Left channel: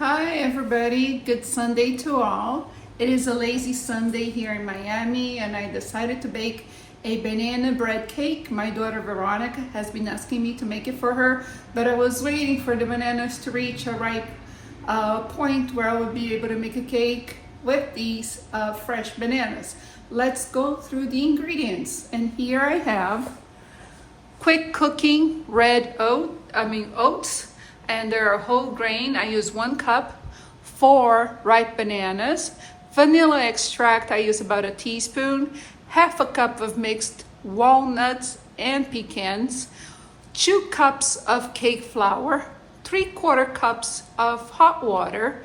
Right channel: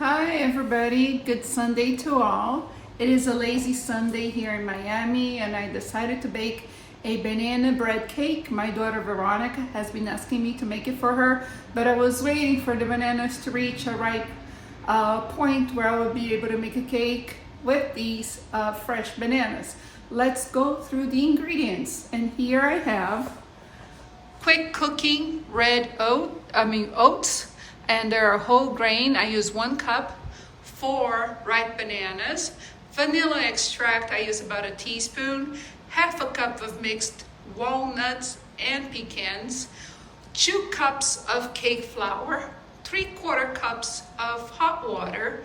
Hi everybody, good Sunday to all. It is a lazy Sunday here in Miami and I decided to bake a banana bread cake. My daughter Veronica has been asking me to make it for her, but I was waiting for the bananas to reach a ripe point where I would be able to make a cake with these fresh bananas. Let's go through the ingredients. And here I have quick cooking red oats, and they're whole grain. I use 1 cup, 4 ripe bananas. Vanilla extract, I use about a teaspoon. Half a cup of mixed walnuts and pecans. 2 cups of cake flour. 3/4 cups of hot water.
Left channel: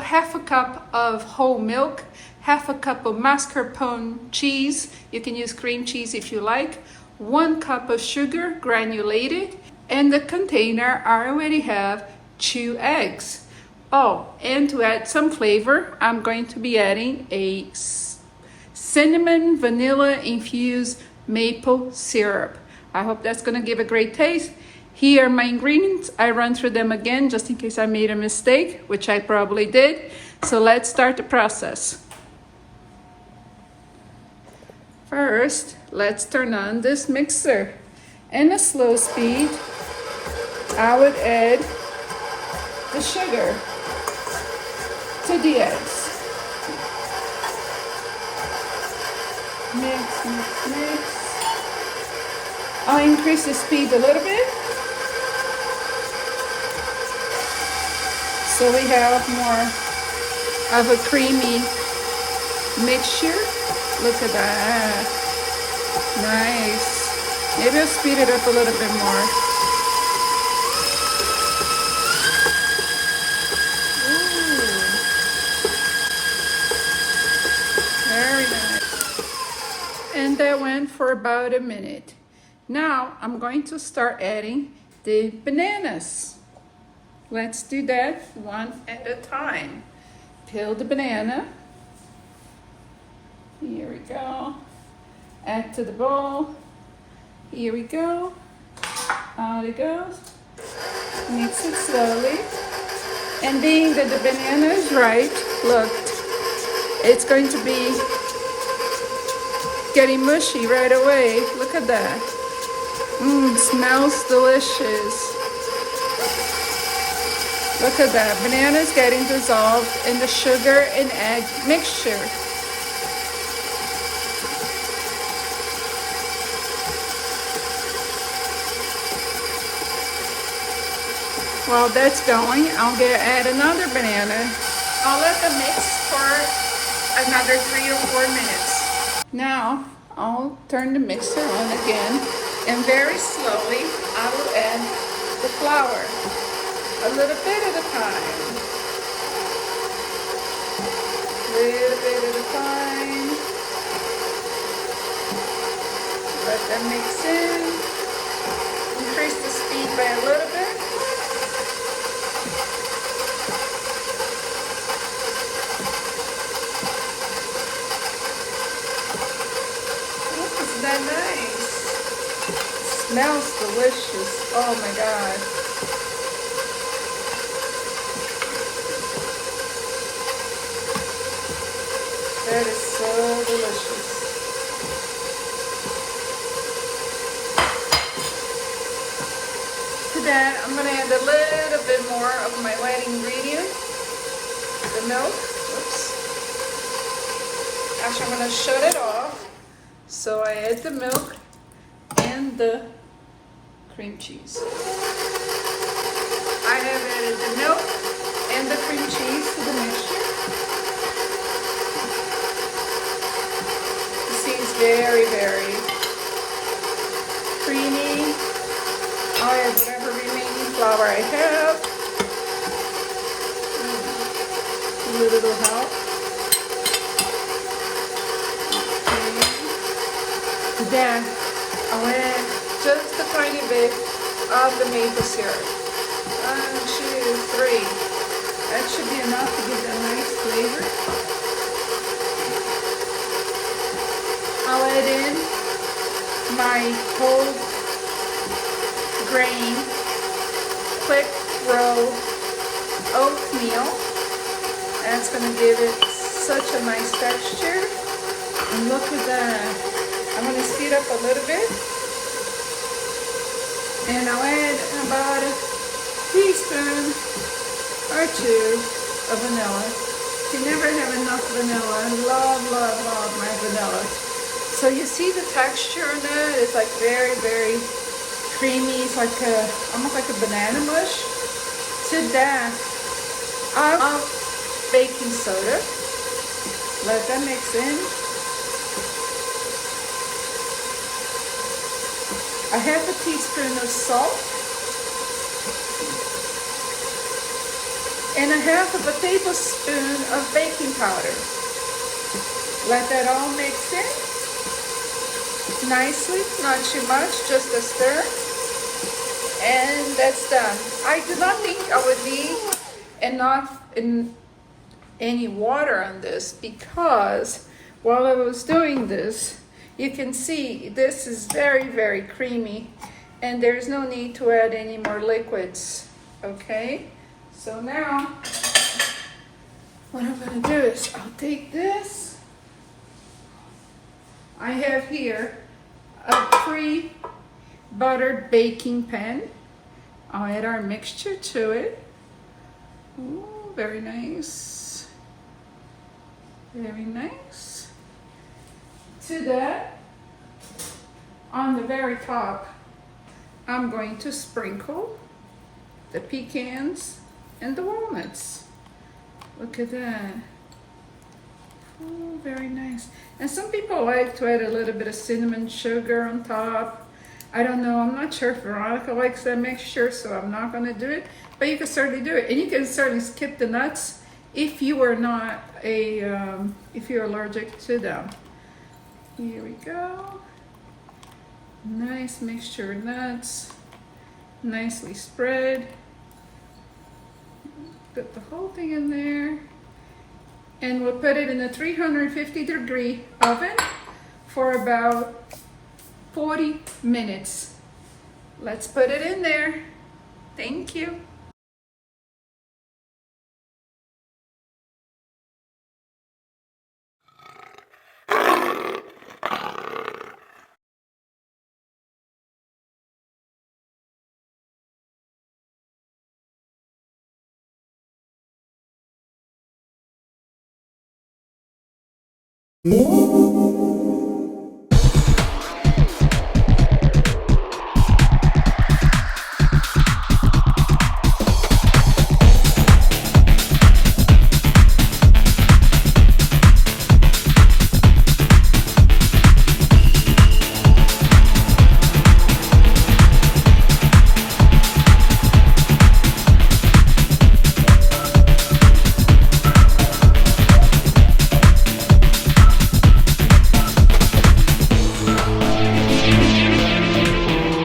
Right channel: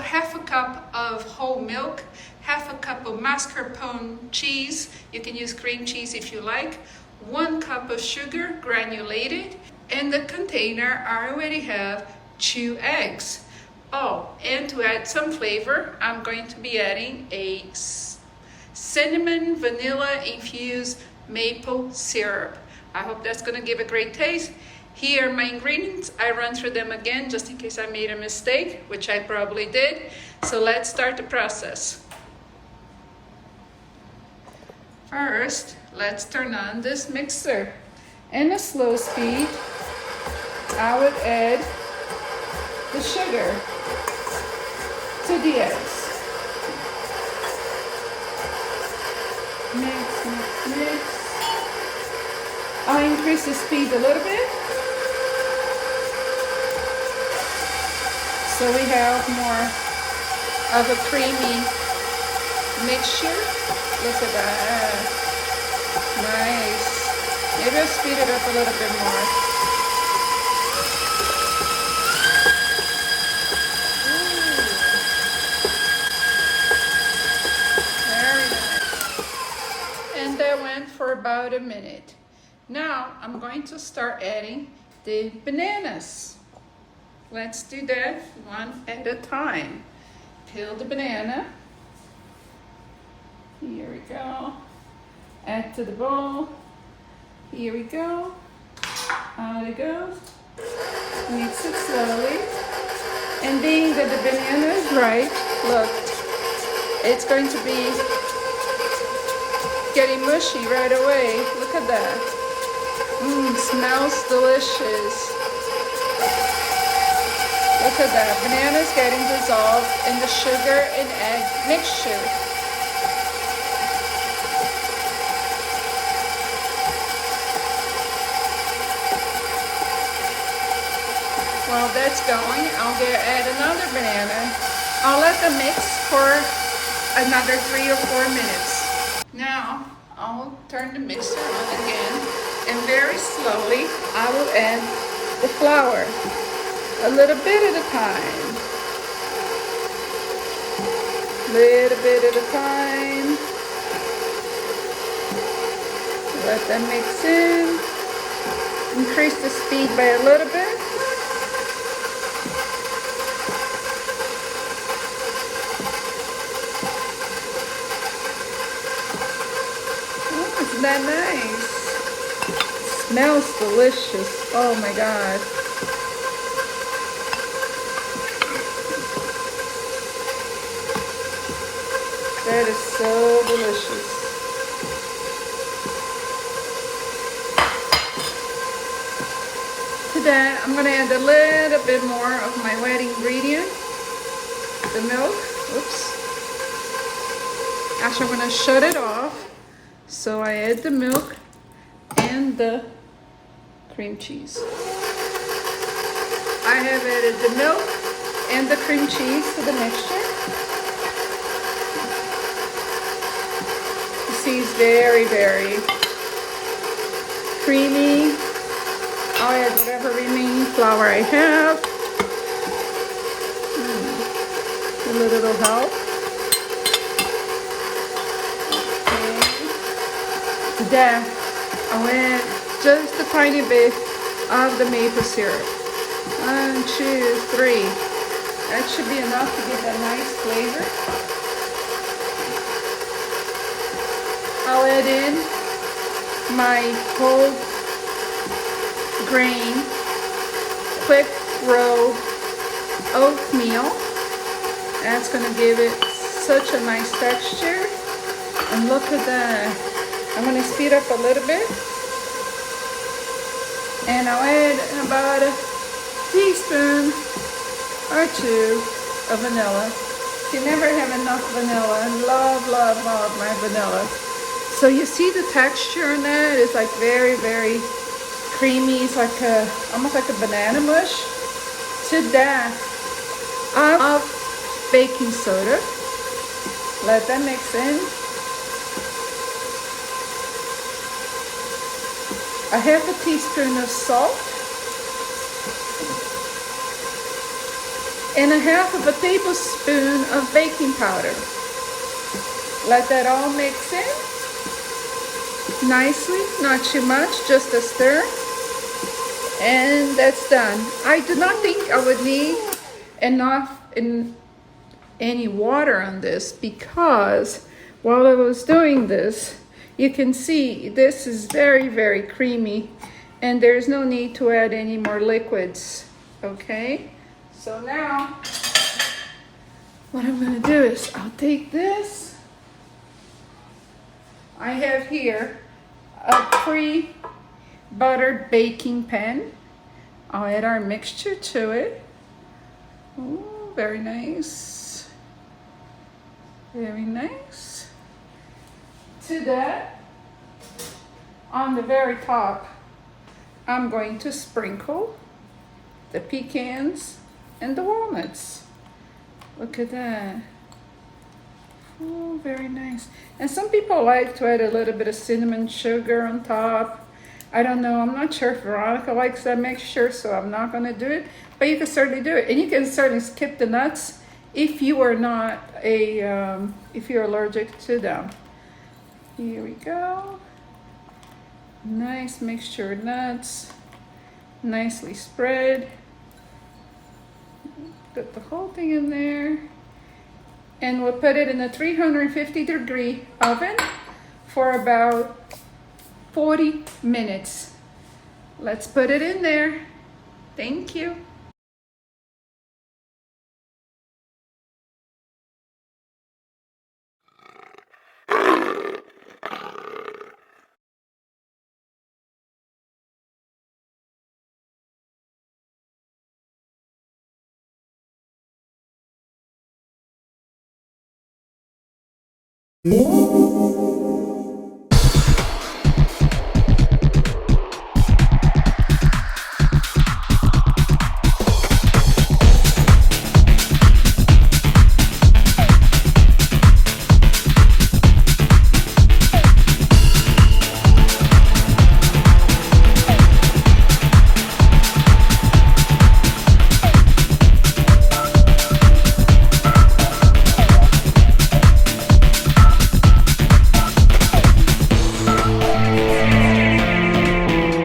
Half a cup of whole milk. Half a cup of mascarpone cheese. You can use cream cheese if you like. 1 cup of sugar, granulated. And the container, I already have 2 eggs. Oh, and to add some flavor, I'm going to be adding a cinnamon vanilla infused maple syrup. I hope that's gonna give a great taste. Here are my ingredients. I run through them again just in case I made a mistake, which I probably did. So let's start the process. First, let's turn on this mixer. In a slow speed, I would add the sugar to the eggs. Mix, mix, mix. I'll increase the speed a little bit so we have more of a creamy mixture. Look at that. Nice. Maybe I'll speed it up a little bit more. And that went for about a minute. Now I'm going to start adding the bananas. Let's do that one at a time. Peel the banana. Here we go. Add to the bowl. Here we go. Out it goes. Mix it slowly. And being that the banana is ripe, look, it's going to be getting mushy right away. Look at that. Smells delicious. Look at that. Banana's getting dissolved in the sugar and egg mixture. While that's going, I'll add another banana. I'll let them mix for another 3 or 4 minutes. Now, I'll turn the mixer on again, and very slowly, I will add the flour, a little bit at a time. Little bit at a time. Let that mix in. Increase the speed by a little bit. Isn't that nice? Smells delicious. Oh my God. That is so delicious. To that, I'm going to add a little bit more of my wet ingredient, the milk. Oops. Actually, I'm going to shut it off. So I add the milk and the cream cheese. I have added the milk and the cream cheese to the mixture. You see, it's very, very creamy. I'll add whatever remaining flour I have. A little help. Then I'll add just a tiny bit of the maple syrup. 1, 2, 3. That should be enough to give that nice flavor. I'll add in my whole grain quick roll oat oatmeal. That's gonna give it such a nice texture. And look at that. I'm gonna speed up a little bit. And I'll add about a teaspoon or two of vanilla. You never have enough vanilla. I love my vanilla. So you see the texture on that? It's like very, very creamy. It's like almost like a banana mush. To that, of baking soda. Let that mix in. A half a teaspoon of salt. And a half of a tablespoon of baking powder. Let that all mix in nicely, not too much, just a stir. And that's done. I do not think I would need any water on this, because while I was doing this, you can see this is very, very creamy, and there's no need to add any more liquids, okay? So now, what I'm gonna do is I'll take this. I have here a pre-buttered baking pan. I'll add our mixture to it. Ooh, very nice. Very nice. To that, on the very top, I'm going to sprinkle the pecans and the walnuts. Look at that. Oh, very nice. And some people like to add a little bit of cinnamon sugar on top. I don't know, I'm not sure if Veronica likes that mixture, so I'm not gonna do it, but you can certainly do it. And you can certainly skip the nuts if you are not if you're allergic to them. Here we go. Nice mixture of nuts, nicely spread. Put the whole thing in there. And we'll put it in a 350-degree oven for about 40 minutes. Let's put it in there. Thank you.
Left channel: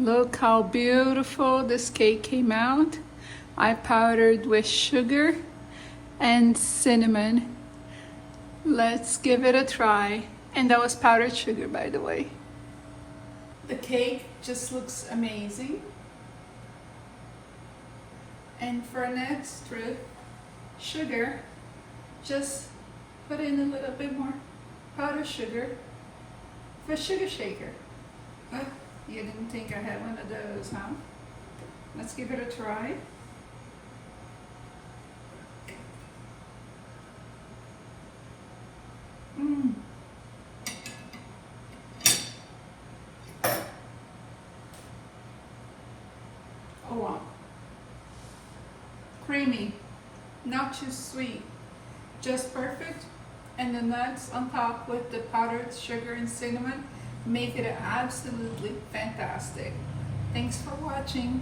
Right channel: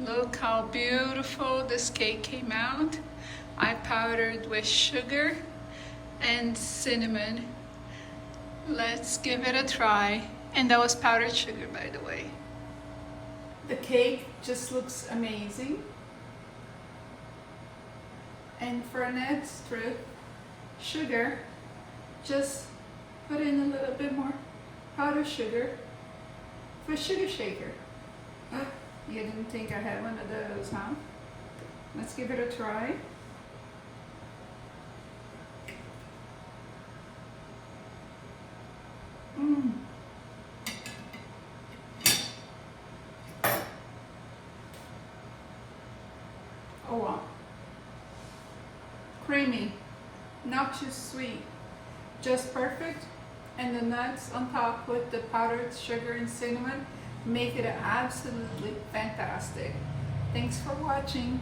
Look how beautiful this cake came out. I powdered with sugar and cinnamon. Let's give it a try. And that was powdered sugar, by the way. The cake just looks amazing. And for an extra sugar, just put in a little bit more powdered sugar for a sugar shaker. Oh, you didn't think I had one of those, huh? Let's give it a try. Oh wow. Creamy, not too sweet, just perfect. And the nuts on top with the powdered sugar and cinnamon make it absolutely fantastic. Thanks for watching.